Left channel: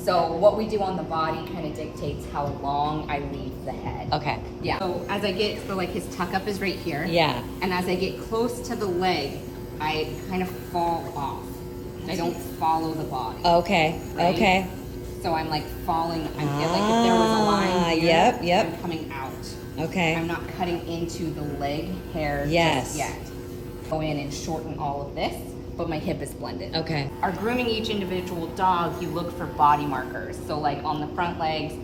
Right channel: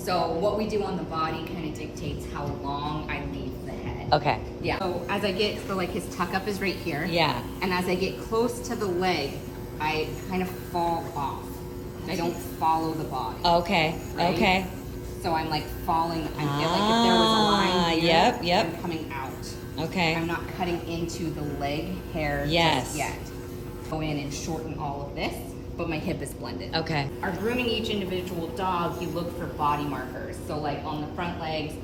So what we do on the body kind of dictates how long I leave the head. Okay. Yeah. So as I get, so like his tuck up is right here. Yeah. And as I get close to the leg, I kind of fall off. I don't follow the body. Okay. Right? Okay. So I'm like falling. I feel like if there was a line here, Yep. I'm coming out. Okay. I'm not cutting into the leg hair just yet. Go in and shorten all of this, but my hip is blended. Okay. Our grooming each individual dog, you look for body markers. So like on the front legs,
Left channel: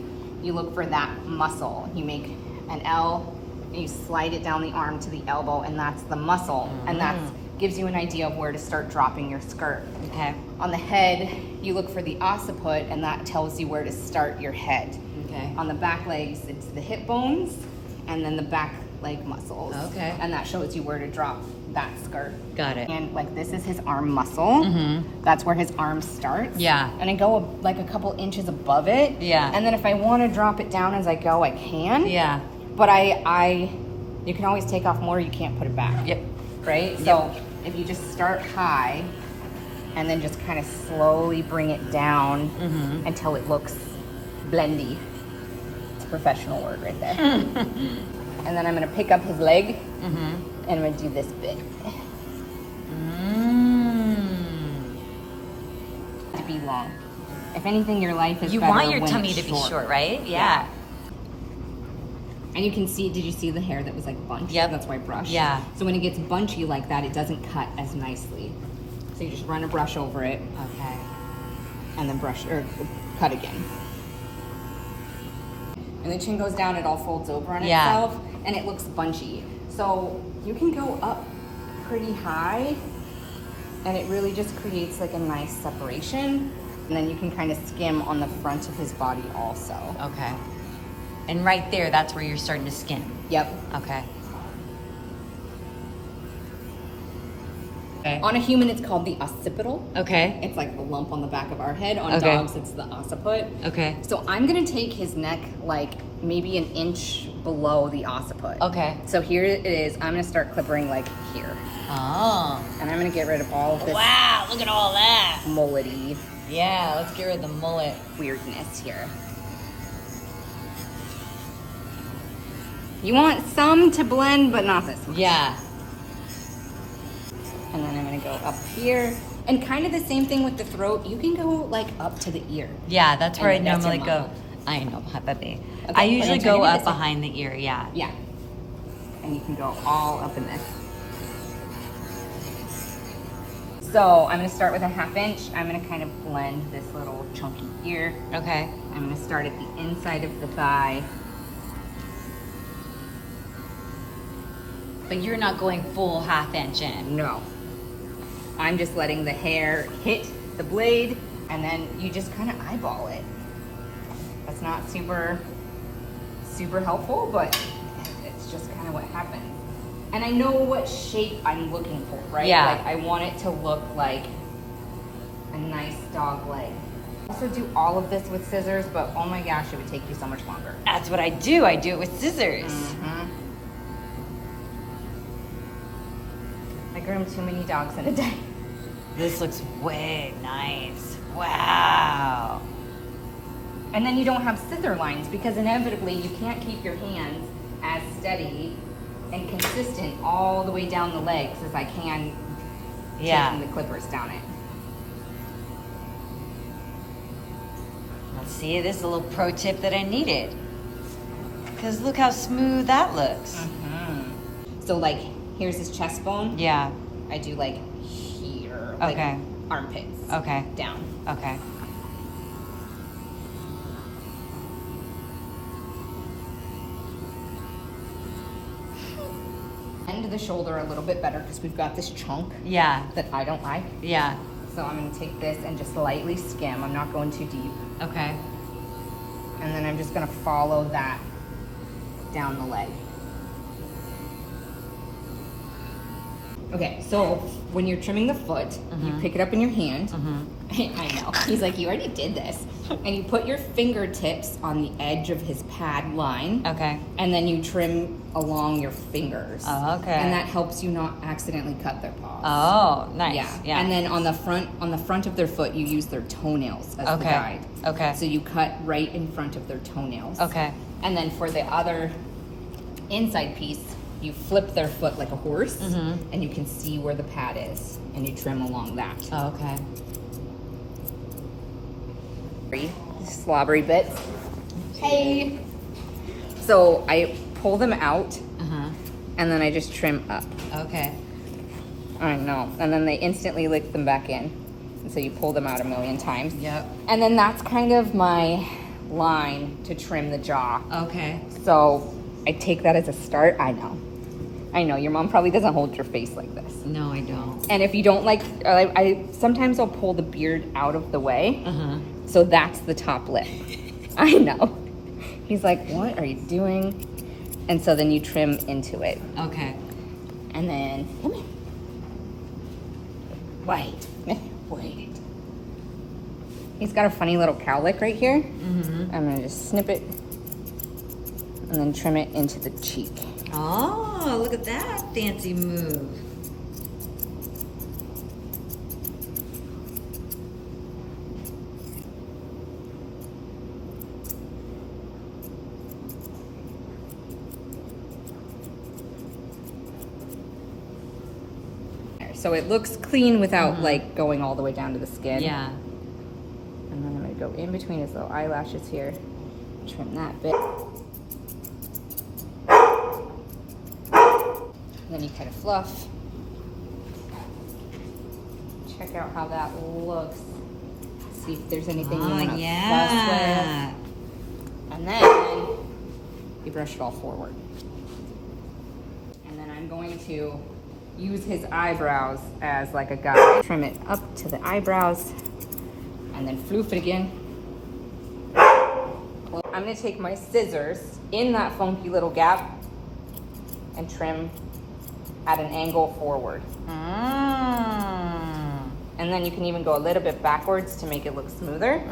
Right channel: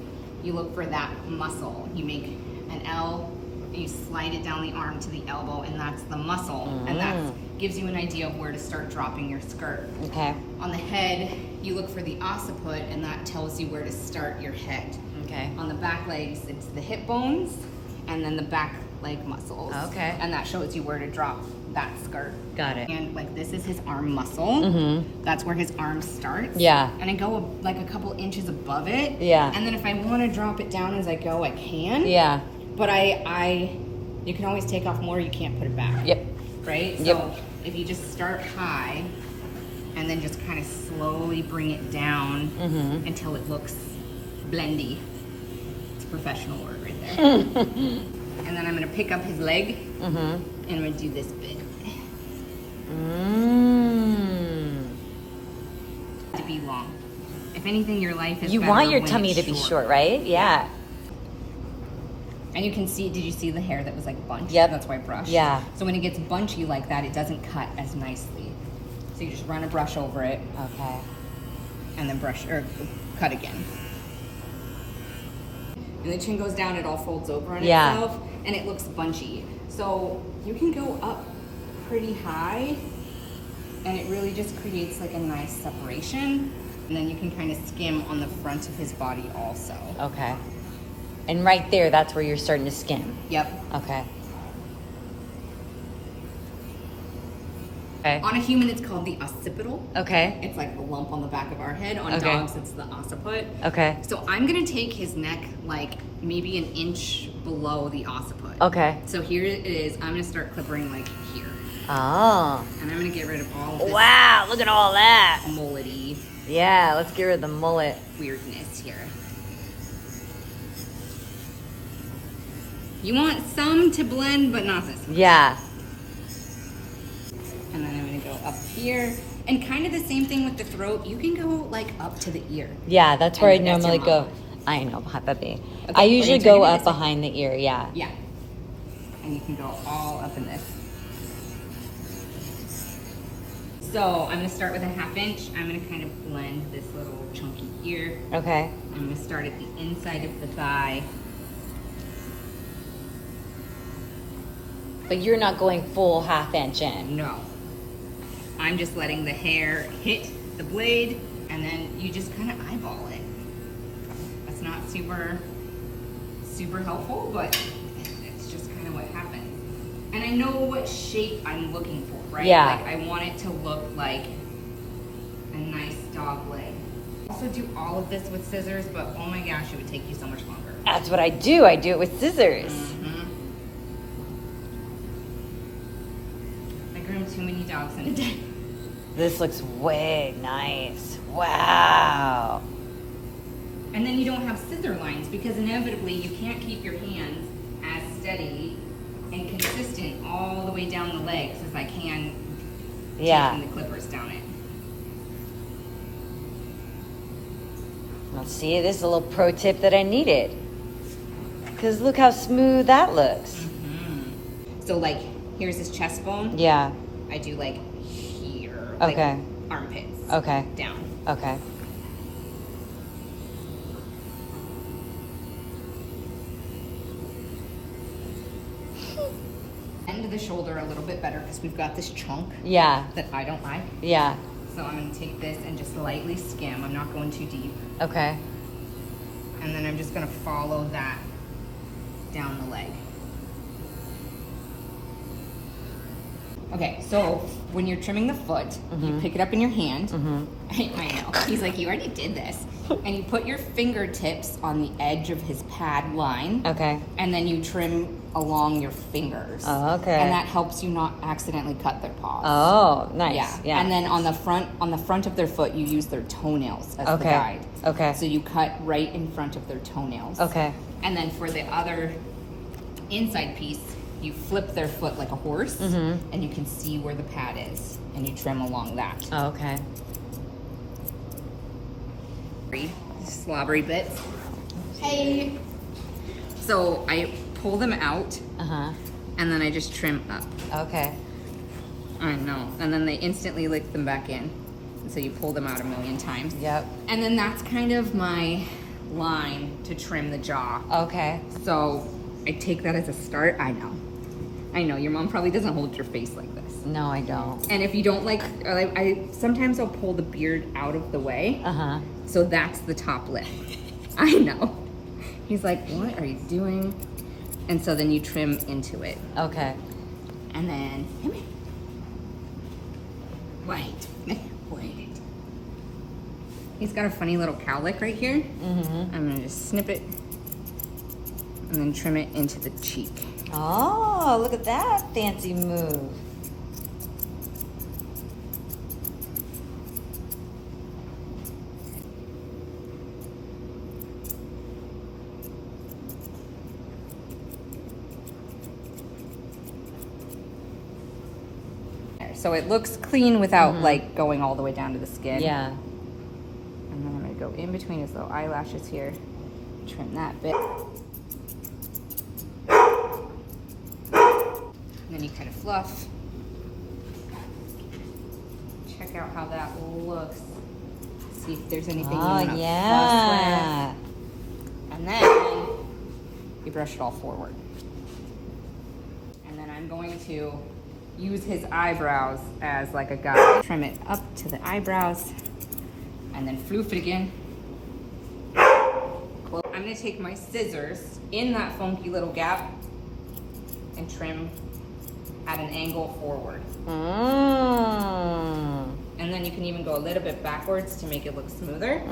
you look for that muscle. You make an L, and you slide it down the arm to the elbow, and that's the muscle. And that gives you an idea of where to start dropping your skirt. Okay. On the head, you look for the occiput, and that tells you where to start your head. Okay. On the back legs, it's the hip bones, and then the back leg muscles. Okay. And that shows you where to drop that skirt. Got it. And like this is his arm muscle. That's where his arm starts. Yeah. And I go like a couple inches above it. Yeah. And then if I want to drop it down as I go, I can. Yeah. But you can always take off more. You can't put it back. Yep. Right. So if you just start high, and then just kind of slowly bring it down until it looks blendy. It's a professional word right there. And then I'm gonna pick up his leg, and I'm gonna do this bit. To be long. If anything, your life is You better want your when tummy it's to be short, right? Yeah. And you can see, did you see the hair that was like bunched? Yep. That's why I brushed. Yeah. So when it gets bunchy like that, it doesn't cut as nicely. So you just run a brush over it, Okay. and then brush, or cut again. And the chin goes down, it all folds over on itself, and it looks bunchy. So you can go up pretty high, and it really just creates like a nice separation. And then you can kind of skim on the front of his body also. Okay. And right there, that's where you're starting to skim. Yep. Okay. On a human, it's called the occipital. Okay. It's like the lump on the back of our head. On Okay. dogs, it's the occiput. Okay. So I'm gonna take his neck like maybe an inch below the occiput. Okay. So here it is. I'm gonna start clippering like here. Oh. And I'm gonna get rid of all of this Wow, look at all that. mullety Yeah, let's get rid of the mullet. weirdness here. You want some to blend, but not this one. Yeah. And then I'm gonna go up here. And kind of the same thing with the throat. You can go like up to the ear. Yeah, that's where I And that's your normally go. mama. I know, baby. Okay, I usually we're gonna go turn it up this way. behind the ear, yeah. Yeah. And you can go all up in this. So I'm gonna start with a 1/2 inch. I'm gonna kind of blend this little chunky ear. Okay. I'm gonna start at the inside of the thigh. But you're not going full 1/2 inch in. No. I'm just letting the hair hit the blade, and then you just kind of eyeball it. That's not super helpful, but it's just kind of what happens. And I know what shape I'm looking for, right? Yeah. Like I want it to look like a nice dog leg. I also do all of this with scissors, but oh my gosh, it would take you so much longer. That's what I do. I do it with scissors. I groom too many dogs in a day. This looks way nice. Wow. And then you don't have scissor lines because inevitably you can't keep your hands as steady and consistent all the way down the legs as I can taking the clippers down it. See, this is a little pro tip that I needed. Because look how smooth that looks. So like, here's his chest bone. Yeah. I do like here, like Okay. armpits. Okay. Down. Okay. End of the shoulder a little bit better because we've got this chunk Yeah. that I don't like. Yeah. So I'm gonna take this and just lightly skim. I'm not going too deep. Okay. And then I'm just gonna follow that down the leg. Okay, so when you're trimming the foot, you pick it up in your hand. I know. He's like, you already did this. And you put your fingertips on the edge of his pad line. Okay. And then you trim along your fingers. Oh, okay. And that helps you not accidentally cut their paws. Oh, nice. Yeah. And then on the front of their foot, you use their toenails as the guide. Okay. So you cut right in front of their toenails. Okay. And then for the other inside piece, you flip their foot like a horse, and you can see where the pad is, and you trim along that. Oh, okay. Slobbery bits. Hey! So I pull them out, and then I just trim up. Okay. I know. And then they instantly lick them back in. And so you pull them out a million times. Yep. And then that's kind of my line to trim the jaw. Okay. So I take that as a start. I know, your mom probably doesn't hold your face like this. No, I don't. And if you don't like, I sometimes I'll pull the beard out of the way. So that's the top lip. I know. He's like, what are you doing? And so then you trim into it. Okay. And then, come here. Wait. He's got a funny little cowlick right here. I'm gonna just snip it and then trim it into the cheek. Oh, look at that fancy move. So it looks clean without like going all the way down to the skin. Yeah. And then I'm gonna go in between his little eyelashes here, trim that bit. And then you kind of fluff. Check out how that looks. See if there's anything you want to fuss with. And then you brush it all forward. And then I'm going to use his eyebrows as like a guide. Trim it up to the eyebrows and then floof it again. I'm gonna take my scissors in that funky little gap and trim at an angle forward. And then you can even go a little bit backwards to make it look smoother.